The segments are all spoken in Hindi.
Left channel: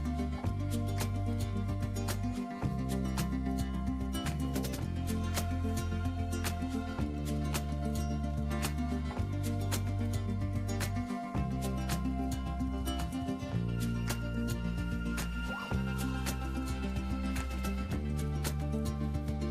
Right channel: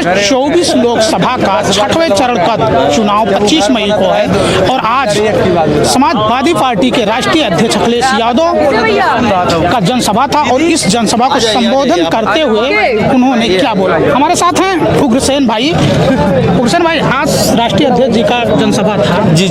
आज 24 लोकसभा का 6वें चरण का चुनाव 25 मई को है और आज समाजवादी पार्टी के राष्ट्रीय अध्यक्ष अखिलेश यादव का जनसभा था और इस जनसभा को संबोधन करते हुए उन्होंने क्या बोला। हमारे साथ हैं उग्रसेन भाई। उग्रसेन भाई, आज राष्ट्रीय अध्यक्ष जी का जनसभा था। जी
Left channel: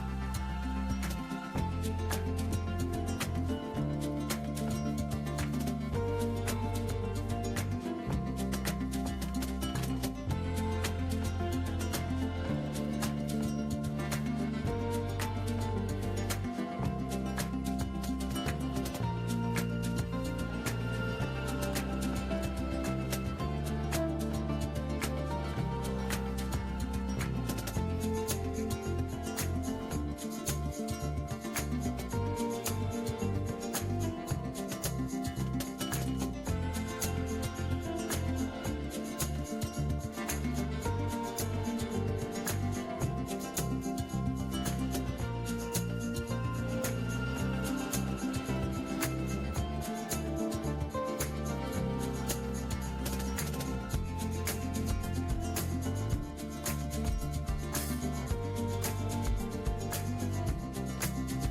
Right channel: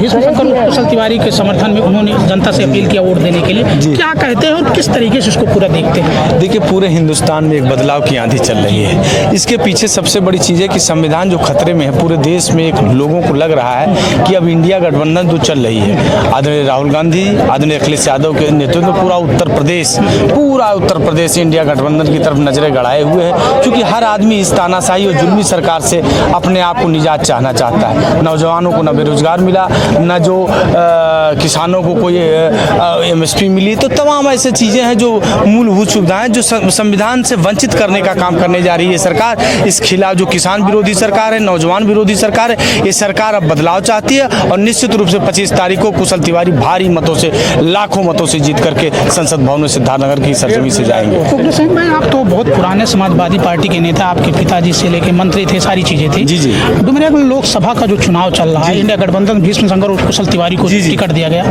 भीष्म शंकर कुशल तिवारी के समर्थन में उन्होंने जनता से अपील किया वोट देने के लिए। क्या कहते हैं और किस तरीके से इसको पूरा देखते हैं? देखिए, पूरे हिंदुस्तान में एक बदलाव की आंधी चल रही है। इसके पीछे सबसे बड़ी चीज़ है कि संविधान जो खतरे में है, पूरे देश में एक लोगों को लग रहा है कि अब इंडिया गठबंधन जो चल रही है, आदरणीय राहुल गांधी, आदरणीय अखिलेश यादव के नेतृत्व में पूरा उत्तर प्रदेश इंडिया गठबंधन की तरफ नजरें गड़ाए हुए है। क्योंकि हर आदमी इस तानाशाही और जुल्मी सरकार से अपने आप को निजात चाहना चाहता है। नौजवानों को न बेरोजगार मिला, न जो किसानों को कोई MSP मिली, तो तमाम ऐसे चीज़ें हैं जो मूलभूत सुविधाएं जो संविधान से वंचित करने का काम करने जा रही है सरकार। इस खिलाफ जो किसान विरोधी सरकार है, नौजवान विरोधी सरकार है, ये सरकार अब बदलाव चाहती है और निश्चित रूप से 25 तारीख को कुशल तिवारी भारी मतों से, लाखों मतों से जीत करके संसद भवन में सिद्धार्थनगर की सरजमी से जाएंगे। उग्रसेन भाई, आप तो बहुत पुराने समाजवादी पार्टी के नेता, आपके पिताजी से लेके मंत्री थे, सारी चीजें थी। जी। डुमरिया लोकसभा का जो चुनाव चल रहा है, इंडिया गठबंधन भीष्म शंकर कुशल तिवारी को टिकट दिया गया।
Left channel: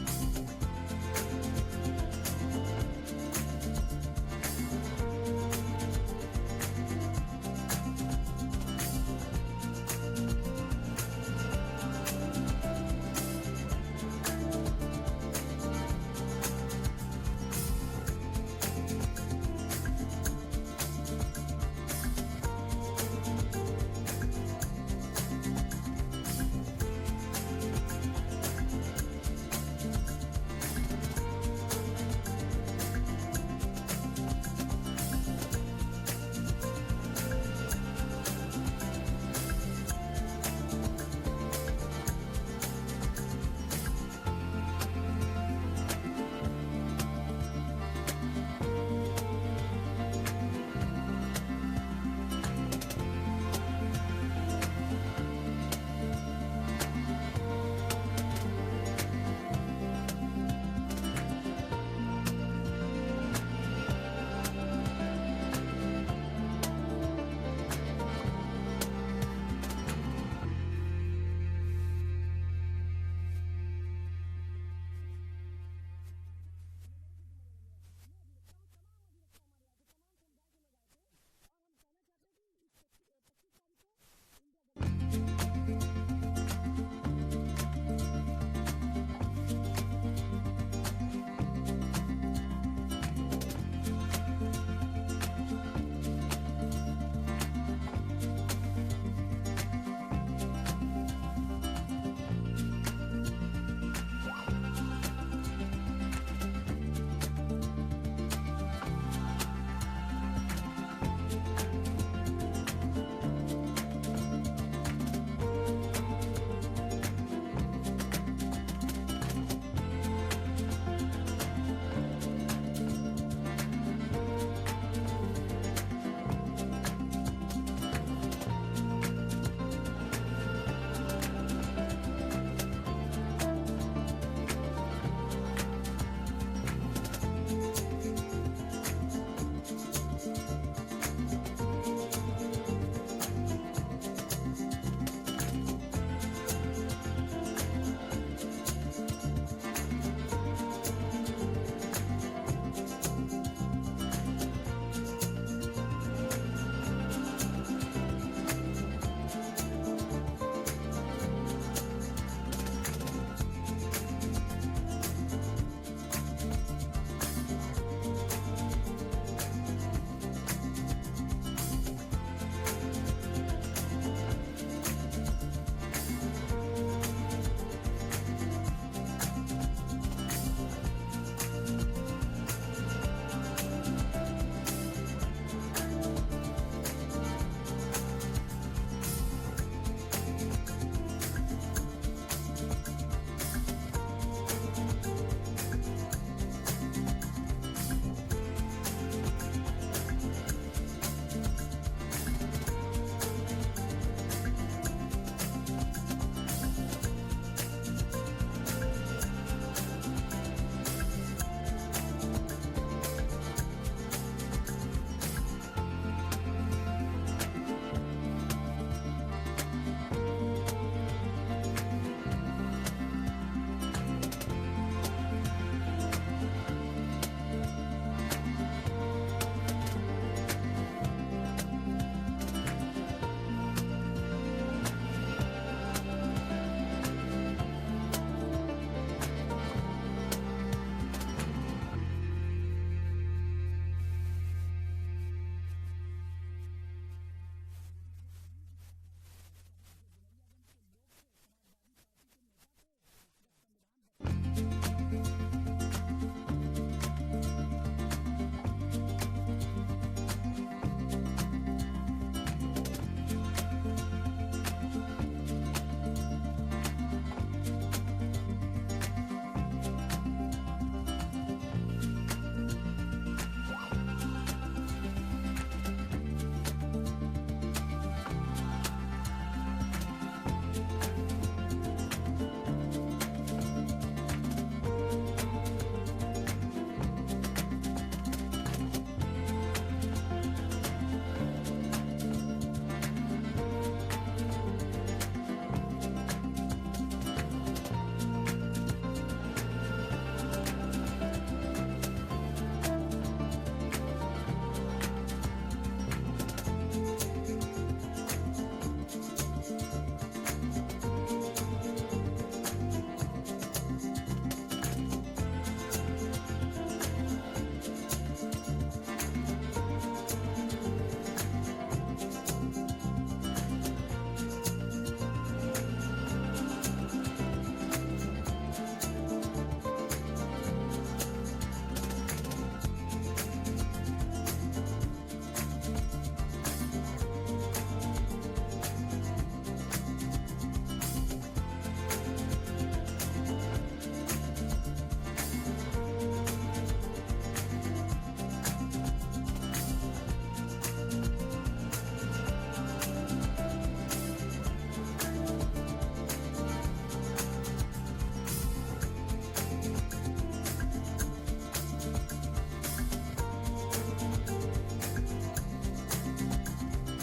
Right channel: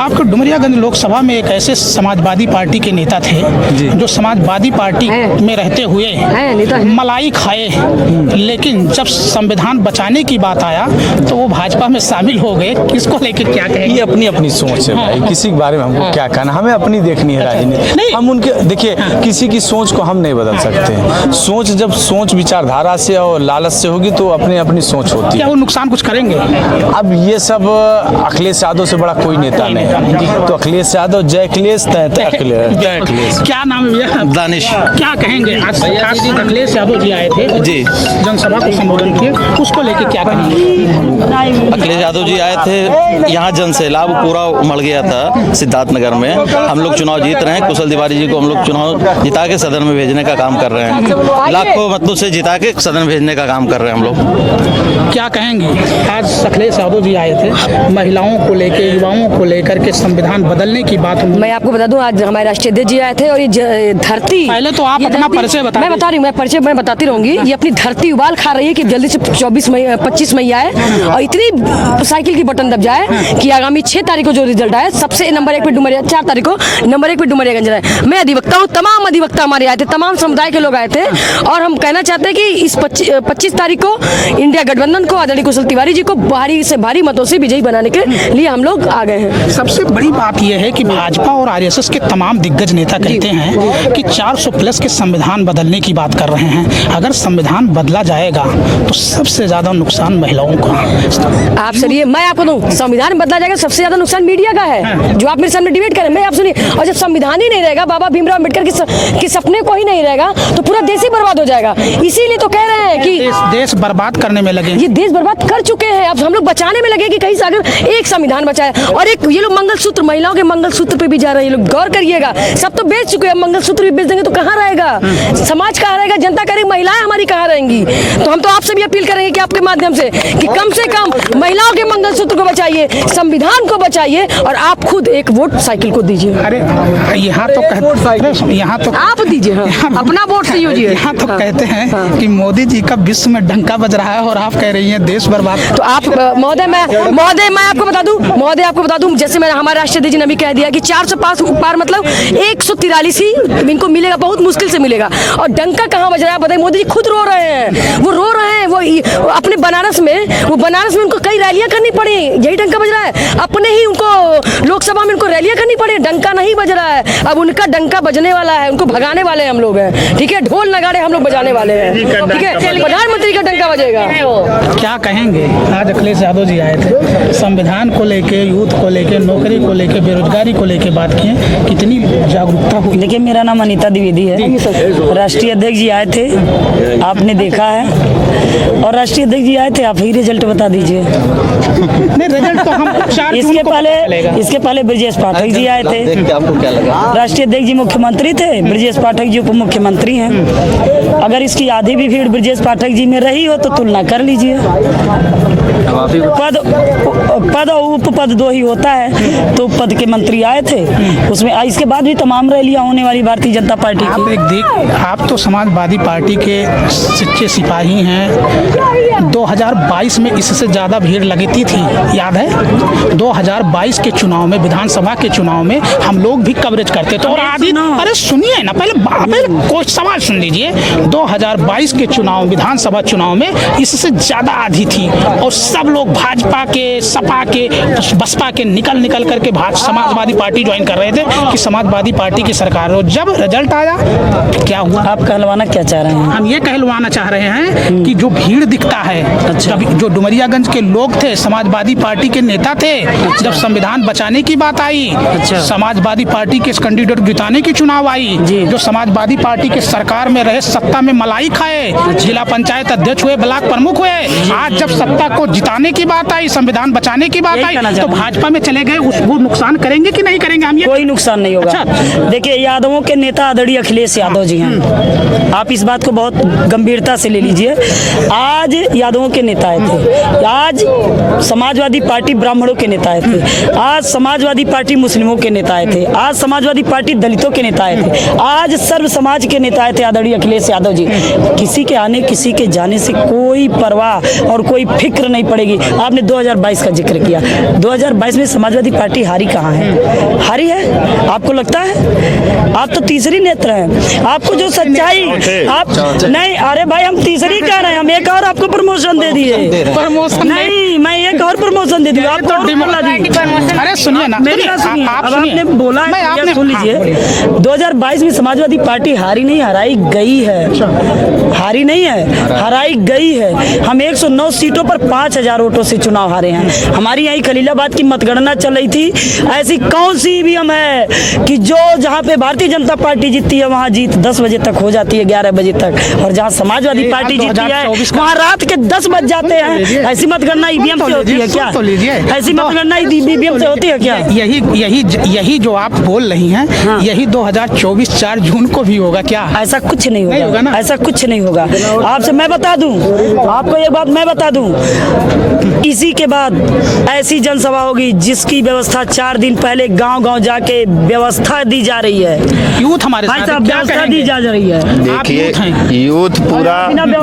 आपको डुमरियागंज लोकसभा में एक ऐसे समाजवादी पार्टी के नेता थे जो समाजवादी पार्टी में रहते हुए मलाई खाए, लेकिन जब संविधान बचाने की बात आया तो वो भाजपा में शामिल हो गए। किसको लेके क्या कहेंगे? ये अपनी अपनी सोच है भाई, किसी के बारे में हमको क्या कहना, हमें अपनी देखनी है राजनीति। हम उनके, देखिए, किसी की सोच को हम नहीं बदल सकते। सोच जब विचारधारा से और लालच से होगी तो अपनी सोच होती है। क्या वो नुकसान कुछ करेंगे? अब ये सब अखिलेश यादव से बड़ा कोई नेता नहीं, तो अखिलेश यादव, जय अखिलेश, अखिलेश। क्या नाम है भैया? दानिश। क्या कहेंगे? आज अखिलेश यादव जी आए थे जी, जनसभा को संबोधन किए, उसको लेके क्या कहेंगे? अखिलेश यादव जी आए थे, यहाँ जन सैलाब पूरा उमड़ गया था सिद्धार्थनगर में। हम लोग चुनाव जीत रहे हैं, कुशल तिवारी जी को हम लोग चुनाव जिता के सदन में भेजने का काम कर रहे हैं। लाखों मतों से जिता के सदन में भेजने का काम कर रहे हैं हम लोग। क्या कहेंगे? आज अखिलेश यादव जी आए थे, महिलाओं को लेके, युवाओं को लेकर के संविधान बदलने की बात। मैं आपको बता दूं, आज हमारे राष्ट्रीय अध्यक्ष जी आए थे और ये धरती, पहले तो आप अपना परिचय बता। मैं बता रही हूँ, मैं परिचय मैं बताती रहूंगी। ये अपनी धरती उबाल खा रही है कि जल्दी से 25 मई आए और इतनी साइकिल की बटन दब जाए कि आगामी 6 तारीख को जो रिजल्ट आए, सबसे नंबर 1 पे डुमरिया, 4 तारीख को नंबर 1 पे डुमरियागंज रहे। मैं अधिवक्ता हूँ, तमाम अधिवक्ता हमारे आए थे, तमाम समुदाय के लोग आए थे और हम कहना चाहते हैं कि इस 25 तारीख को इंडिया गठबंधन को, आदरणीय कुशल तिवारी जी को भारी से भारी मतों से विजयी बनाने के लिए हम लोग आ गए हैं। सबसे बड़ी बात यह है कि भाजपा और RSS के तमाम दिग्गज नेता कहते हैं कि 400+ के संविधान बदलने की बात कर रहे हैं। अगर संविधान बदला जाएगा तो सबसे ज्यादा नुकसान महिलाओं का। आप सुनिए, मैं आपको दूं, संविधान बदला जाएगा, सबसे ज्यादा नुकसान मीडिया का है, जो आप मेरे सामने डिबेट करें। मैं आप सुनिए, और जब संविधान ही नहीं रहेगा, बाबा भीमराव अम्बेडकर के सपने को ही नहीं रहेगा, तो पूरा देश ही बर्बाद हो जाएगा। इसीलिए तो कह रहे हैं कि देश बर्बाद करने में लगे, ये देश बर्बाद कर चुके हैं, अब हम लोग बचाने में लगे कि कहीं से अगर एक संविधान बचाए। और एक ये लोग मंगलसूत्र, महिलाओं के मंगलसूत्र पे भी जा रहे हैं, ये लोग गौर करिएगा, सब तो बेच चुके हैं, मंगलसूत्र भी बेच देंगे तो कहाँ रहेगा समाज, कहाँ रहेगा जनता, करेगी महिलाएं हमारी कहाँ रहेंगी? तो हम तो आपसे भी अपील करेंगे कि आपके माध्यम से कम महिलाओं के मंगलसूत्र को बचाइए, संविधान को बचाइए और आप खुद एक वोट साइकिल को दीजिए। अरे यहाँ तो यहाँ तो आप दीजिए, अपना वोट से यूजिए। यहाँ तो कहते हैं कि मोदी जी का विश्व में डंका बज रहा है और आप कह रही हैं देश बर्बाद। तो आप महोदय, मैं आपको बता दूं, जैसे मैं हमारे राष्ट्रीय अध्यक्ष जी ने भी कह दिया कि 400 पार मतलब 143 ही इनको मिलेगा, बहुत मुश्किल से मिलेगा। और डंका कहाँ बज रहा है बताइए? मोदी जी खुद रो रहे हैं, वो रो रहे हैं, वो अपने बनारस में उनको कई रैलियां करनी पड़ी, यही डंका बज रहा है। अपने ही उनको लोकसभा में उनको रैलियां करनी पड़ी, डंका नहीं बज रहा है। अब उनका डंका बजने वाला है, उनको भगाने वाले हम लोग हैं, ठीक है? ढोल नगाड़े हम लोग बजाने वाले हैं, ठीक है? प्रधानमंत्री का डंका बजेगा। क्या कहेंगे? आज अखिलेश यादव जी आए थे, संविधान को लेके, यूथ को लेके, नौकरी को लेके, बेरोजगारी को लेके बात किए, कितनी जागरूकता हुई? देखिए, मेरा नाम अनीता द्विवेदी है, राष्ट्रीय अध्यक्ष जी आए थे, आपने देखा है, और राष्ट्रीय अध्यक्ष जी आए थे, आप ही रिजल्ट बता दीजिए। नहीं, रिजल्ट तो हम इसके पहले ब्रजेश पाठक जी आए थे, आपको क्या लगा? राष्ट्रीय अध्यक्ष जी मुख्यमंत्री थे, ब्रजेश पाठक जी उप मुख्यमंत्री हैं। अगर इसकी आधी भी भीड़ ब्रजेश पाठक जी में रही हो तो तुलना कर लीजिए। पद और उपपद दो ही होता है, तो पद के मंत्री आए थे उसमें। इसके बाद भी तमाम रैलियां होने वाली भारतीय जनता पार्टी की। आप तो समाजवादी पार्टी के सच्चे सिपाही हैं। 2022 में इससे ज़्यादा भीड़ लगती थी, याद है? 2022 के चुनाव में, विधानसभा के चुनाव में हम लोग भी कवरेज करते थे और आदि, अरे सुनिए ना, पहले कोई सवाल सुन लीजिए। 2022 के चुनाव, विधानसभा चुनाव में इससे ज़्यादा आधी थी और सब लोग भाजपा के, सपा के, बसपा के निकल करके समाजवादी पार्टी ज्वाइन कर रहे थे कि समाजवादी पार्टी की सरकार हो। जब रिजल्ट आया क्या हुआ? आप कहलवाना क्या चाह रहे हैं? हम ये कहलवाना चाह रहे हैं कि जो भीड़ दिखता है, अच्छा। जो डुमरियागंज के लोग थे, समाजवादी पार्टी के नेता थे, जब संविधान बचाने की बात आई, अच्छा। समाजवादी पार्टी के कैंडिडेट जिताने की चुनाव आई, जो समाजवादी पार्टी के सरकार में रहे, सत्ता में मलाई खाए, जिला पंचायत अध्यक्ष हुए, ब्लॉक प्रमुख हुए, आज जब सत्ता को जिताने की बात आई, संविधान बचाने की बात आई, तो भाजपा में चले गए। वो नुकसान करेंगे कि नहीं करेंगे? हम ये कोई नुकसान नहीं होगा। अच्छा। देखिए, यादवों के नेता आदरणीय अखिलेश यादव जी हैं। आप इस बात को बहुत गंभीरता से ले लीजिए। आज यादवों के नेता आए थे, आज समाजवादी पार्टी ब्राह्मणों के नेता आए थे, आज समाजवादी पार्टी मुस्लिमों के नेता आए थे, आज समाजवादी पार्टी दलितों के नेता आए थे, आज सर्व समाज के नेता आए थे आदरणीय अखिलेश यादव जी। किसी के आने, किसी के जाने से कोई परवाह और कोई फिक्र नहीं पड़ेगी। आपने 2022 का जिक्र किया, 2022 में समाजवादी पार्टी हारी कहाँ है? हारी है? आपको लगता है? आप तो तीसरी नेत्र हैं। आपको जो सच्चाई आप नहीं, अरे भाई हम तीसरी कह रहे हैं, हम एक और आपको प्रमोशन दे दिए। प्रमोशन नहीं, मैं एक और प्रमोशन दे दिया आपको। अरे सुनिए ना, मेरी बात सुनिए। अब आपने बोला है, आपने सुन लीजिए। 2022 में समाजवादी पार्टी हारी नहीं, हराई गई है। हारी नहीं है, हराई गई है। हम 109 सीटों पर 5000 वोटों से चुनाव हारे हैं। हमारी यही खलीलाबाद की मतगणना चल रही थी। ऐसी कौन सी ईवीएम है कि जो जहाँ पे भारतीय जनता पार्टी जीतती है वहाँ जीत 10 बजे तक हो जाती है, 11 बजे तक, और जहाँ समाजवादी पार्टी जीतती है वहाँ रात के 10 बज जाते हैं। ऐसी मतगणना ईवीएम से होती है क्या? ऐसी मतगणना ईवीएम से होती है क्या? यही जो आप बोल रही हैं, हाँ। यही 2024 4 जून को भी होगा क्या? ऐसा कुछ नहीं नहीं होगा ना? ऐसा कुछ नहीं होगा। आपसे मैं बता दूं, आपको एक बात मैं बता दूं, इसी के बाद ऐसी जनसभा होगी जिसकी व्यवस्था 4 दिन पहले गांव-गांव जाके व्यवस्था दी जा रही है। यूथ हमारे साथ है, क्या व्यवस्था दी जा रही है। देखिए, यूथ पूरा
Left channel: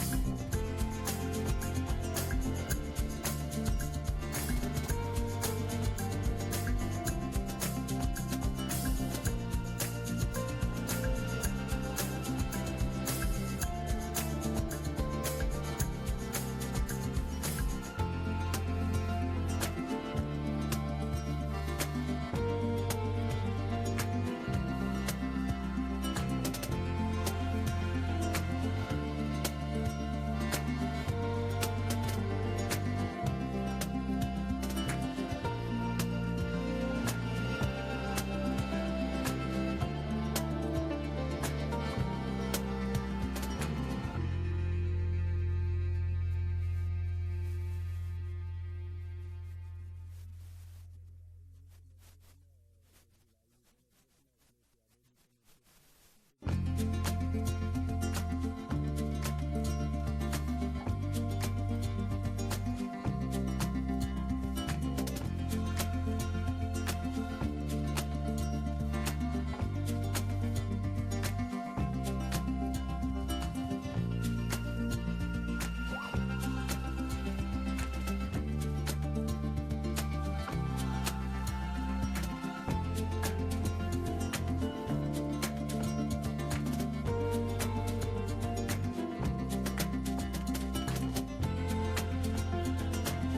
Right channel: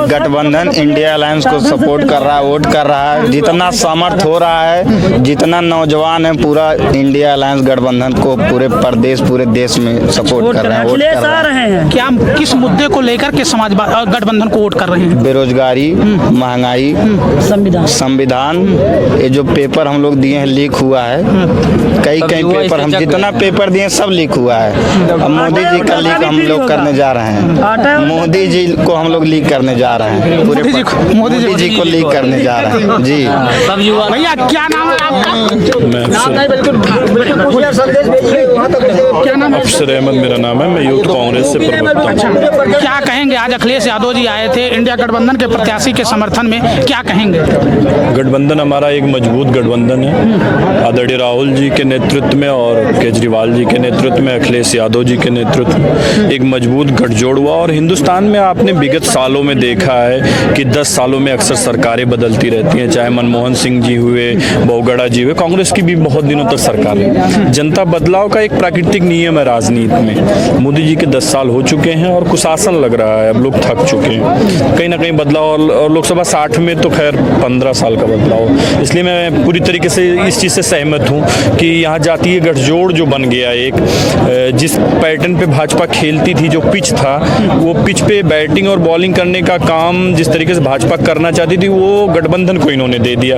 गठबंधन इंडिया अलायंस को सपोर्ट कर रहा है, वोट कर रहा है। जितना सामर्थ्य हो रहा है, जितना नौजवान है, पूरा इंडिया अलायंस गठबंधन को पूरे प्रदेश, पूरे देश में सपोर्ट कर रहे हैं, वोट कर रहे हैं। क्या किस मुद्दे को लेकर के समाजवादी गठबंधन को वोट कर रहे हैं? बेरोजगारी, महंगाई, संविधान। ये जो पेपर हम लोग दिए हैं लीक हुआ है, कई पेपर, हम जितना पेपर दिए सब लीक हुआ है। अब मोदी जी का लीक हम लोग करने जा रहे हैं। मोदी जी को हम लोग लीक करने जा रहे हैं, पूरे मोदी जी को लीक करने जा रहे हैं। जी भैया, क्या नाम है आपका? क्या नाम है? अफसर अहमद मेरा नाम है, मैं यूथ कांग्रेस से प्रवक्ता हूं। क्या कहेंगे? आज अखिलेश यादव जी आए थे इंडिया गठबंधन के प्रत्याशी के समर्थन में, क्या कहेंगे? गठबंधन हमारा एक मजबूत गठबंधन है। आदरणीय राहुल जी के नेतृत्व में और केजरीवाल जी के नेतृत्व में, अखिलेश यादव जी के नेतृत्व में एक मजबूत गठजोड़ हुआ। और हिंदुस्तान में आपने विगत सालों में देखा है कि 10 सालों में अक्सर सरकारें बदलती रहती हैं, चाहे मनमोहन सिंह जी हुए, बहुगढ़ा जी हुए, कांग्रेस की भी बहुत दिनों तक सरकार है। जनता बदलाव का एक प्राकृतिक नियम है राजनीति में। मोदी जी के 10 साल हो चुके हैं और कुशासन लग रहा है, अब लोग थक चुके हैं। कहीं ना कहीं बदलाव, और लोकसभा 60 में तो खैर 15 साल का बदलाव। इसलिए मैं पूरी तरीके से इस चीज़ से सहमत हूँ कि यहाँ जातीय गठजोड़ जो बन गया एक, जिस पैटर्न पे भाजपा खेलती थी, जो पिच था, वो पिच पे बैटिंग और बॉलिंग करने का काम जिस तरीके से भाजपा करना चाहती थी, वो गठबंधन को इन्होंने दे दिया।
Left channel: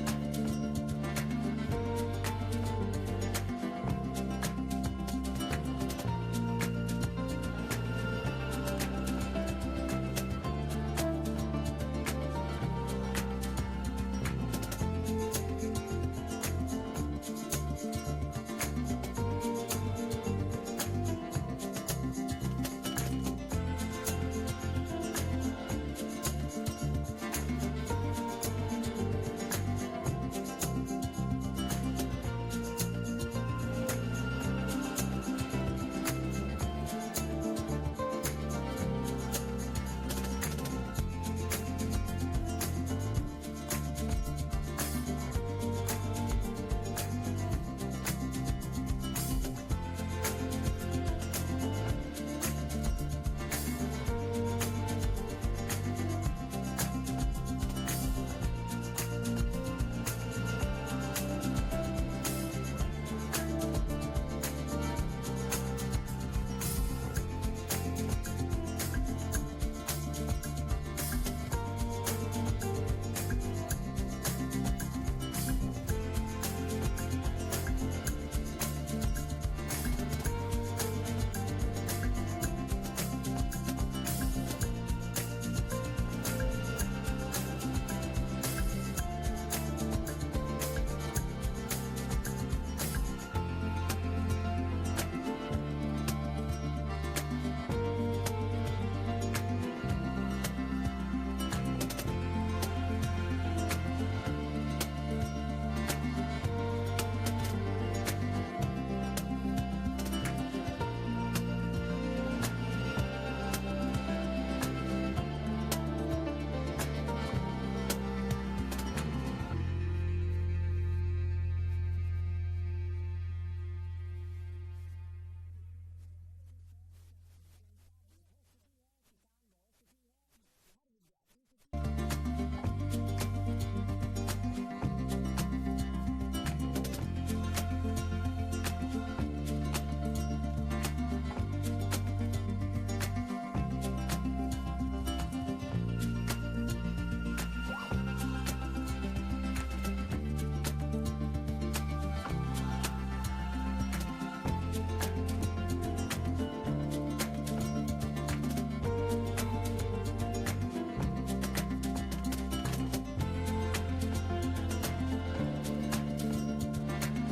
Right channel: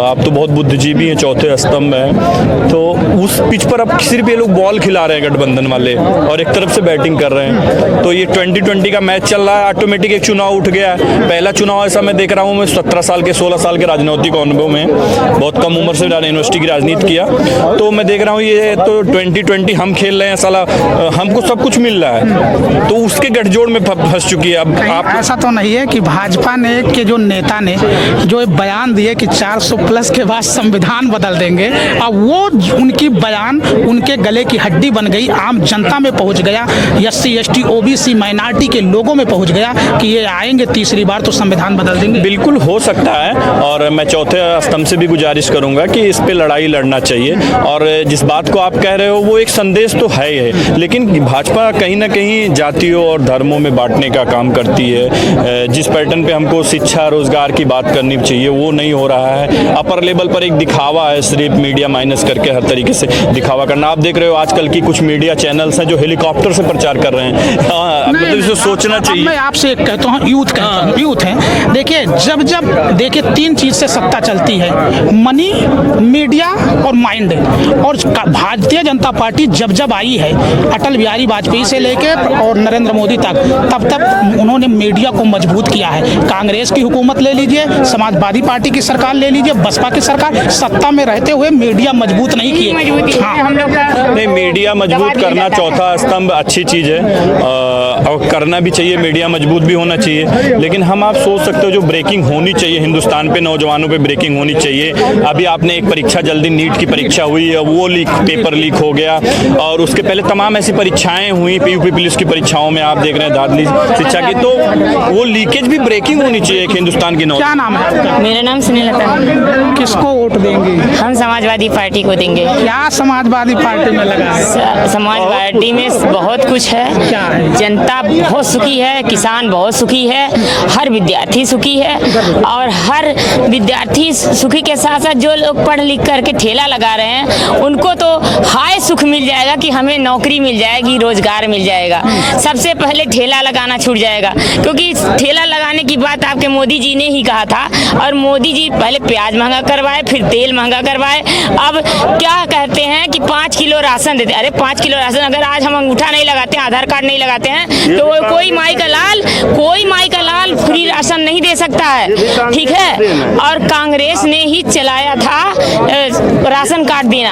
आप तो बहुत बुद्धिजीवी हैं, चौथे स्तंभ हैं, तो उस पिच पर अब सिर्फ ये लोग बॉल खिला रहे हैं गठबंधन वाले, और एक तरफ से बैटिंग कर रहे हैं। तो ये 2020 का मैच चल रहा है, ऑटोमेटिक एक चुनाव उठ गया है। पहला चुनाव ऐसा मैं देख रहा हूँ, मैं 17 साल के 16 साल के राजनीतिक अनुभव में, बहुत कम उम्र से यूनिवर्सिटी की राजनीति किया, तो मैं देख रहा हूँ ये तो 2020 हम खेल रहे हैं, साला हमको सब कुछ मिल रहा है, तो उसके गठजोड़ में फंस चुकी है। अब आप ऐसा तो नहीं है कि भाजपा ने के जो नेता ने जो बयान दिए कि 400 प्लस के बाद संविधान बदल देंगे, अब वो उनकी बयान, उनके के गले की हड्डी बन गई, आम जनता में पहुंच गया, SC ST OBC माइनॉरिटी के लोगों में पहुंच गया कि ये आएंगे तीसरी बार तो संविधान बदल देंगे? बिल्कुल हो सकता है, और मैं चौथे स्तंभ से भी गुजारिश करूंगा कि इस पे लड़ाई लड़ना चाहिए। और जिस बात को आप कह रहे हो वो एक संदेश तो है ही है, लेकिन भाजपा कहीं ना कहीं जातियों और धर्मों में बांटने का काम करती है। जिस पैटर्न पे हमको शिक्षा रोजगार की बात करनी चाहिए वो नहीं हो रहा है। अपर लेवल पर एक दिखावा है, सिर्फ मीडिया माइनस करके हर तरीके से दिखावा करना। आप देख रहे हो आजकल की कुछ मीडिया चैनल्स हैं जो हेलीकॉप्टर से प्रचार कर रहे हैं। मतलब इसे सोचना चाहिए। मैं आपसे एक कहता हूँ, यूथ है, देखिए जब देखिए 3 चीज से सत्ता चलती है, मनी, मीडिया और माइंड। और भारतीय जनता पार्टी जब आई है, अटल बिहारी वाजपेयी से लेके और नरेंद्र मोदी तक, तब उन्होंने मीडिया को मजबूत किया है। कांग्रेस की हुकूमत ले लीजिए, समाजवादी पार्टी की सरकार ले लीजिए, बसपा की सरकार, सत्ता में रहते हुए मीडिया मजबूत नहीं किए। हाँ। नहीं, मीडिया मजबूत करना चौथा स्तंभ अच्छी चीज़ है, और करना भी चाहिए, मीडिया मजबूत भी होना चाहिए। लेकिन आप सोच सकते हो जो ब्रेकिंग होनी चाहिए हिंदुस्तान पे, नौजवानों पे ब्रेकिंग होनी चाहिए। अभी आपने एक परीक्षा जल्दी नीट की परीक्षा हुई है, वो पेपर लीक हो गया, और उसके पहले तमाम ऐसी परीक्षाएं हुई, PUP पुलिस की परीक्षाओं में आप देख रहे हैं धाधली शिक्षा की, तो वो लीकेज भी ब्रेकिंग होनी चाहिए एक हिंदुस्तान की क्या नाम है? मेरा नाम स्नेहलता है। किसको वोट देंगे? हम समाजवादी पार्टी को देंगे। क्या समाजवादी पार्टी में लगा है? समाज पार्टी में बहुत कुछ है। क्या है? जनता बहुत सुखी है, किसान बहुत सुखी है, हर विद्यार्थी सुखी है, और हर विद्यार्थी सुखी के साथ साथ जो लोग पढ़ लिख करके ठेला लगा रहे हैं उनको तो हाय सुख मिल जाएगा कि हमें नौकरी मिल जाएगी, रोजगार मिल जाएगा। सबसे पहले ठेला लगाना छूट जाएगा, क्योंकि ठेला लगाने की बात आपके मोदी जी ने ही कहा था, और मोदी जी पहले प्याज महंगा करवाए, फिर तेल महंगा करवाए। अब क्या कहते हैं कि 5 किलो राशन देते। अरे 5 किलो राशन, अगर आज हम अंगूठा नहीं लगाते हैं, आधार कार्ड नहीं लगाते हैं, तो कोई माई का लाल फ्री राशन नहीं दे सकता है, ठीक है। और कांग्रेस ने ही चलाया था राशन कार्ड देना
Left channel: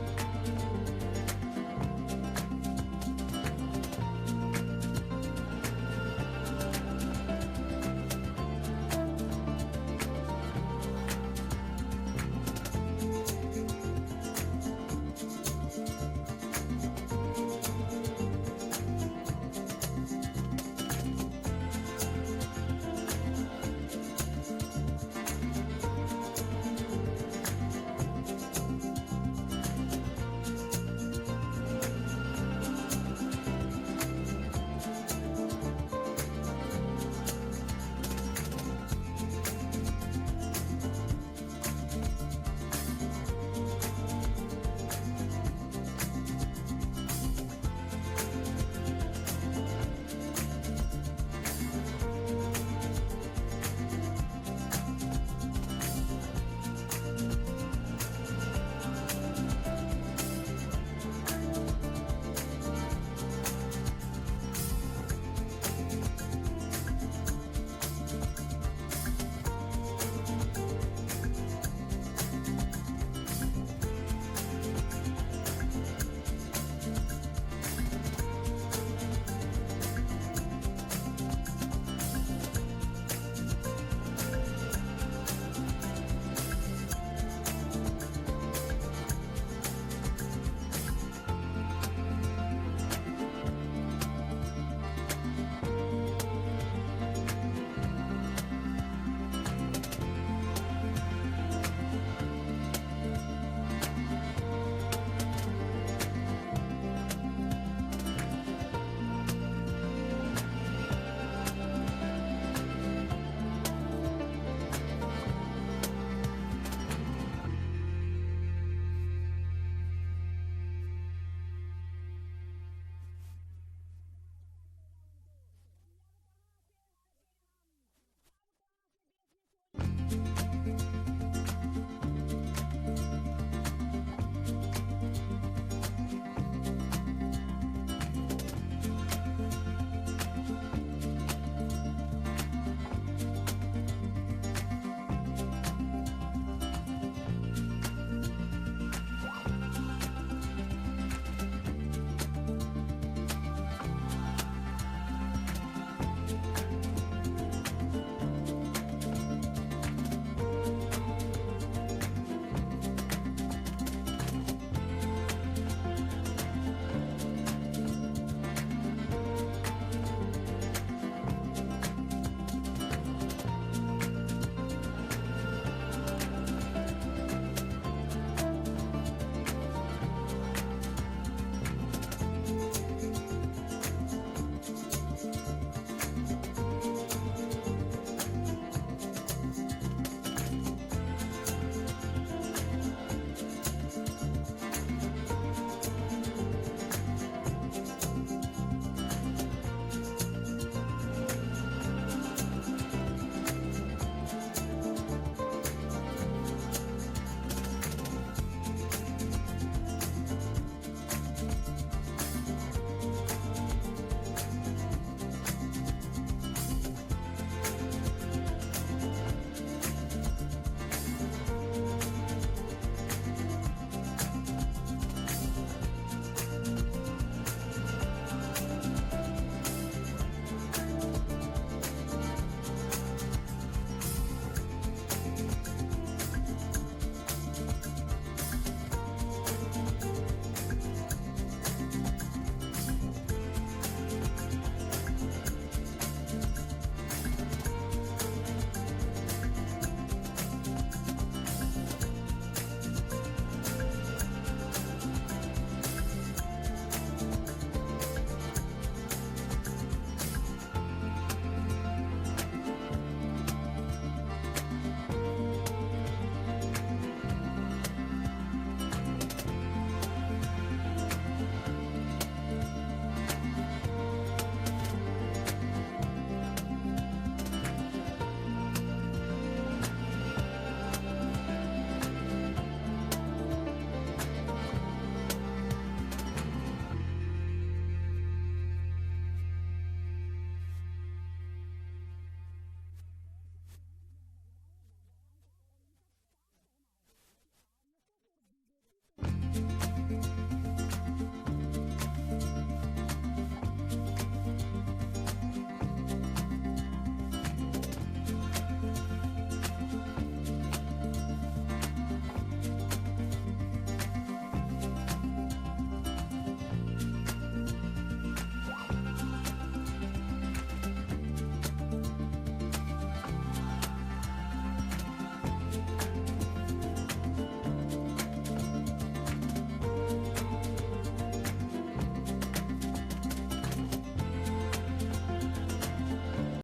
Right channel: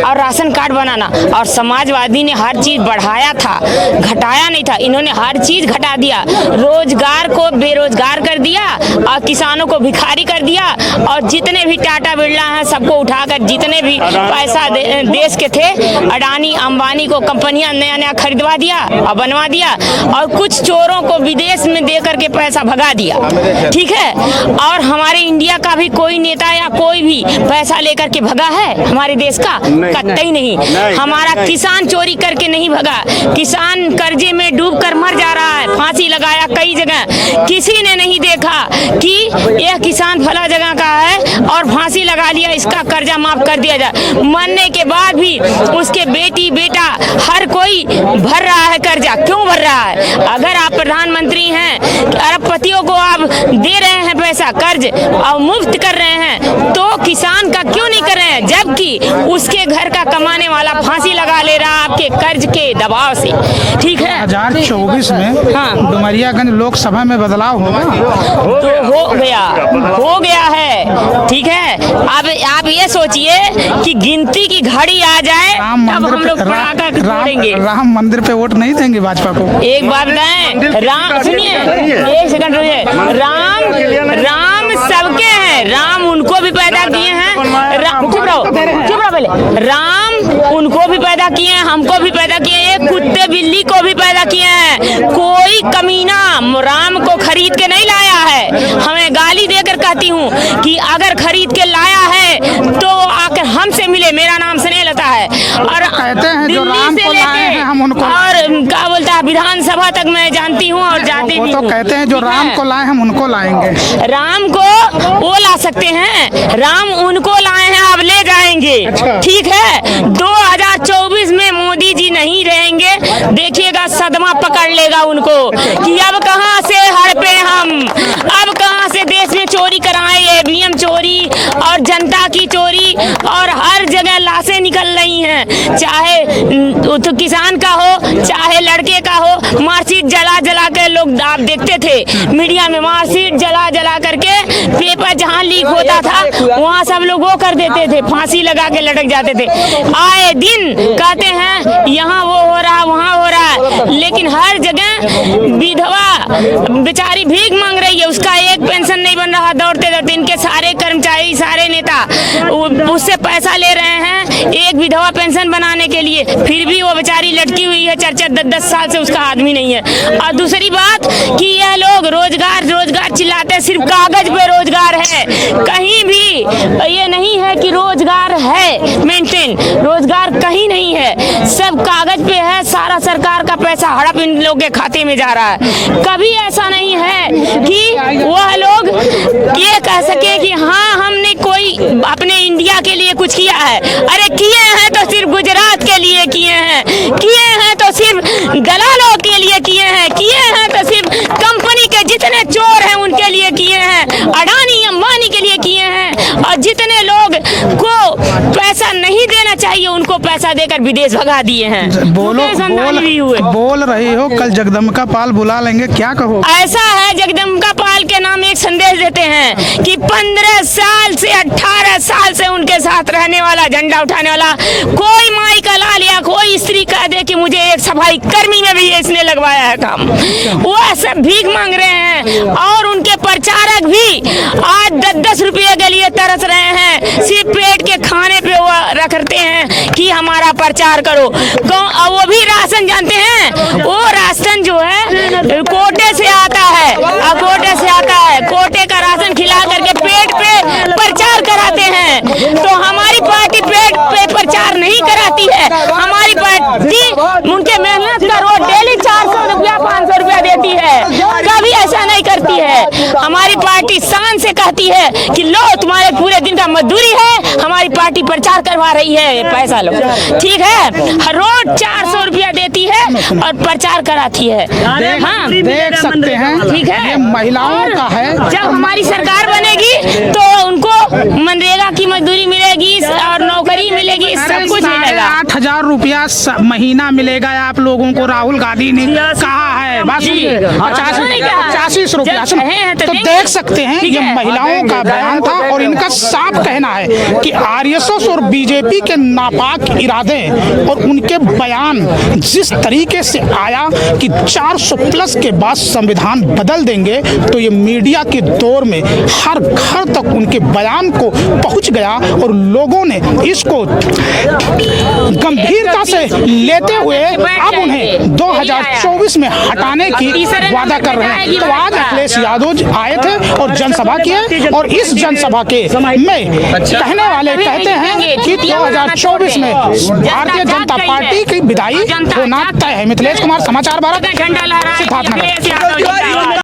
और राशन कार्ड बनाना, और समाजवादी ने हर चीज बढ़ाया था, घटाया नहीं था। इन्होंने हर चीज घटा दिया, रोजगार को बेरोजगार कर दिया, और किसानों को भिखारी कर दिया, और जितने भी टाटा बिरला हैं सबको उठाकर, जितने भी पैसा देश के थे, अडानी अंबानी को कंपनियां नया खरीदवा दिया और बनवा दिया, और कुछ चोरों को विदेश में दे करके पैसा भगा दिया, ठीक है। और हमारे इंडिया का भी कोई नेता या कोई भी पैसा लेकर के भगा है हमारे देश का? कतई नहीं। हमारा किसान चोरी करके नहीं भगा, किसान कर्जे में डूब कर मर जा रहा है, फांसी लगाया कई जगह, किसी ने नहीं देखा कि यह किसान फला जगह का है और फांसी लगा लिया, इसका कर्जा माफ कर दिया जाए। मरने के बाद भी उसके बेटी बेटा हर कोई भर रहा है कर्जा। क्यों भर रहा है? अगर आप प्रधानमंत्री हैं, अरबपतियों को आप दे रहे हैं पैसा कर्ज और मुफ्त कर रहे हैं, तो किसान का क्यों नहीं कर रहे हैं? जबकि उसके घर का कमाने वाला फांसी लगा ले रहा आपके कर्ज के दबाव से, ठीक है। 2024 में हाँ। डुमरियागंज लोकसभा में बदलाव होगा? तो हो गया है, ठीक है। अब आप ये सोचिए कि गिनती की घड़ी आ जाए तब हम लोग पटाखा फोड़ेंगे। राम मंदिर पे वोट नहीं देंगे भाजपा को? एक बात बताएं, राम सुनिए, एक सेकंड रुकिए। राम सबके हैं, राम उनको भी पैदा किए हैं, चुप रहो पहले। राम उनको भी पैदा किए हैं, हमको भी पैदा किए हैं, एक कुत्ते बिल्ली को भी पैदा किए हैं। कोई कमीना राम को खरीद के नहीं लाया है। हमें गाली देकर कहती हूँ कि अगर खरीद के लाया है तो आकर हमसे मिले। मेरा नाम स्नेहलता है, और कहते हैं जो राम को लाए हैं हम उनको, और क्या बोलता है, विधानसभा तक मैं जानती हूँ और जाती भी तो हूँ। कहते हैं जो राम को लाए हम उनको लाएंगे। राम को वो ला सकते हैं, राम उनको लाए हैं, अब ले जाएंगे, ठीक है। 2024 में मोदी जी नहीं रहेंगे, देखिएगा सदमा पकड़ लेगा उनको कि अब कहां से हड़पे हम, अब कहां से देश में चोरी कराएं, EVM चोरी और जनता की चोरी, और हर जगह लाशें निकल रही हैं, चाहे तो किसान का हो चाहे लड़के का हो। मार्कशीट जला जला के लोग आप देखते थे मीडिया में, मार्कशीट जला जला करके पेपर जहां लीक होता था वहां सब लोग वो कर देते थे, फांसी लगा के लटक जाते थे। आए दिन कहते हैं यहाँ वो हो रहा वहाँ हो रहा है, लेकिन हर जगह विधवा बेचारी भीख मांग रही है, उसका एक पेंशन नहीं बन रहा। दौड़ते दौड़ते इनके सारे कर्मचारी, सारे नेता उससे पैसा ले रहे हैं, एक विधवा पेंशन स्टेशन बनाने के लिए, फिर भी वो बेचारी लटकी हुई है, 4-4-10 साल से उसका आदमी नहीं है। और दूसरी बात कि यह लोग रोजगार रोजगार चिल्लाते हैं, सिर्फ कागज पे रोजगार है, कहीं भी ये नहीं है कि रोजगार है मेंटेन, रोजगार कहीं नहीं है, सब कागज पे है। सारा सरकार का पैसा हड़प इन लोग के खाते में जा रहा है। कभी ऐसा नहीं है कि वह लोग ये कह सके कि हाँ हमने कोई अपने इंडिया के लिए कुछ किया है। अरे किए हैं तो सिर्फ गुजरात के लिए किए हैं, किए हैं तो सिर्फ दलालों के लिए किए हैं, किए हैं तो सिर्फ कंपनी के जितने चोर हैं उनके लिए किए हैं, अडानी अंबानी के लिए किए हैं। और जितने लोग को पैसा नहीं देना चाहिए उनको पैसा देकर विदेश भगा दिए हैं। बोल रही हो, कल जगदम्बिका पाल बुला लेंगे, क्या कहो? ऐसा है, जगदम्बिका पाल के नाम एक संदेश देते हैं कि 15 साल से 18 साल से उनके साथ रहने वाला, झंडा उठाने वाला कोई माई का लाल या कोई स्त्री कह दे कि मुझे एक सफाई कर्मी में भी इसने लगवाया है काम, वो सब भीख मांग रहे हैं। और उनके प्रचारक भी आज 10-10 रुपये के लिए तरस रहे हैं, सिर्फ पेट के खाने पे वो रखते हैं कि हमारा प्रचार करो। वो भी राशन जानते हैं, वो राशन जो है कोटे से आता है, कोटे से आता है, कोटे का राशन खिला करके पेट पे प्रचार कराते हैं। तो हमारी पार्टी पेट पे प्रचार नहीं कराती है, हमारी पार्टी उनके मेहनत का रोज डेली 400 रुपया 500 रुपया देती है, कभी ऐसा नहीं करती है। हमारी पार्टी शान से कहती है कि लो तुम्हारे पूरे दिन का मजदूरी है, हमारी पार्टी प्रचार करवा रही है, पैसा लो, ठीक है। रोज 400 रुपया देती है और प्रचार कराती है। हाँ देख सकते हैं, ठीक है, ये महिलाओं का है। जब हमारी सरकार बनेगी तो उनको मनरेगा की मजदूरी मिलेगी और नौकरी मिलेगी, सब कुछ मिलेगा। 8,000 रुपया महीना मिलेगा आप लोगों को, राहुल गांधी ने कहा है। बस 85 रुपया। तो देख सकते हैं, ये महिलाओं का बयान था और इनका साफ कहना है कि आरएसएस और बीजेपी के नापाक इरादे और उनके बयान जिस तरीके से आया कि 400 प्लस के बाद संविधान बदल देंगे, तो ये मीडिया के दौर में हर घर तक उनके बयान को पहुंच गया और लोगों ने इसको गंभीरता से लेते हुए अब उन्हें 2024 में हटाने की वादा कर रहे हैं। तो आज अखिलेश यादव आए थे और जनसभा किए, और इस जनसभा के में कहने वाले कहते हैं कि 2024 में भारतीय जनता पार्टी की विदाई होना तय है। मिथिलेश कुमार, समाचार भारत, सिद्धार्थनगर।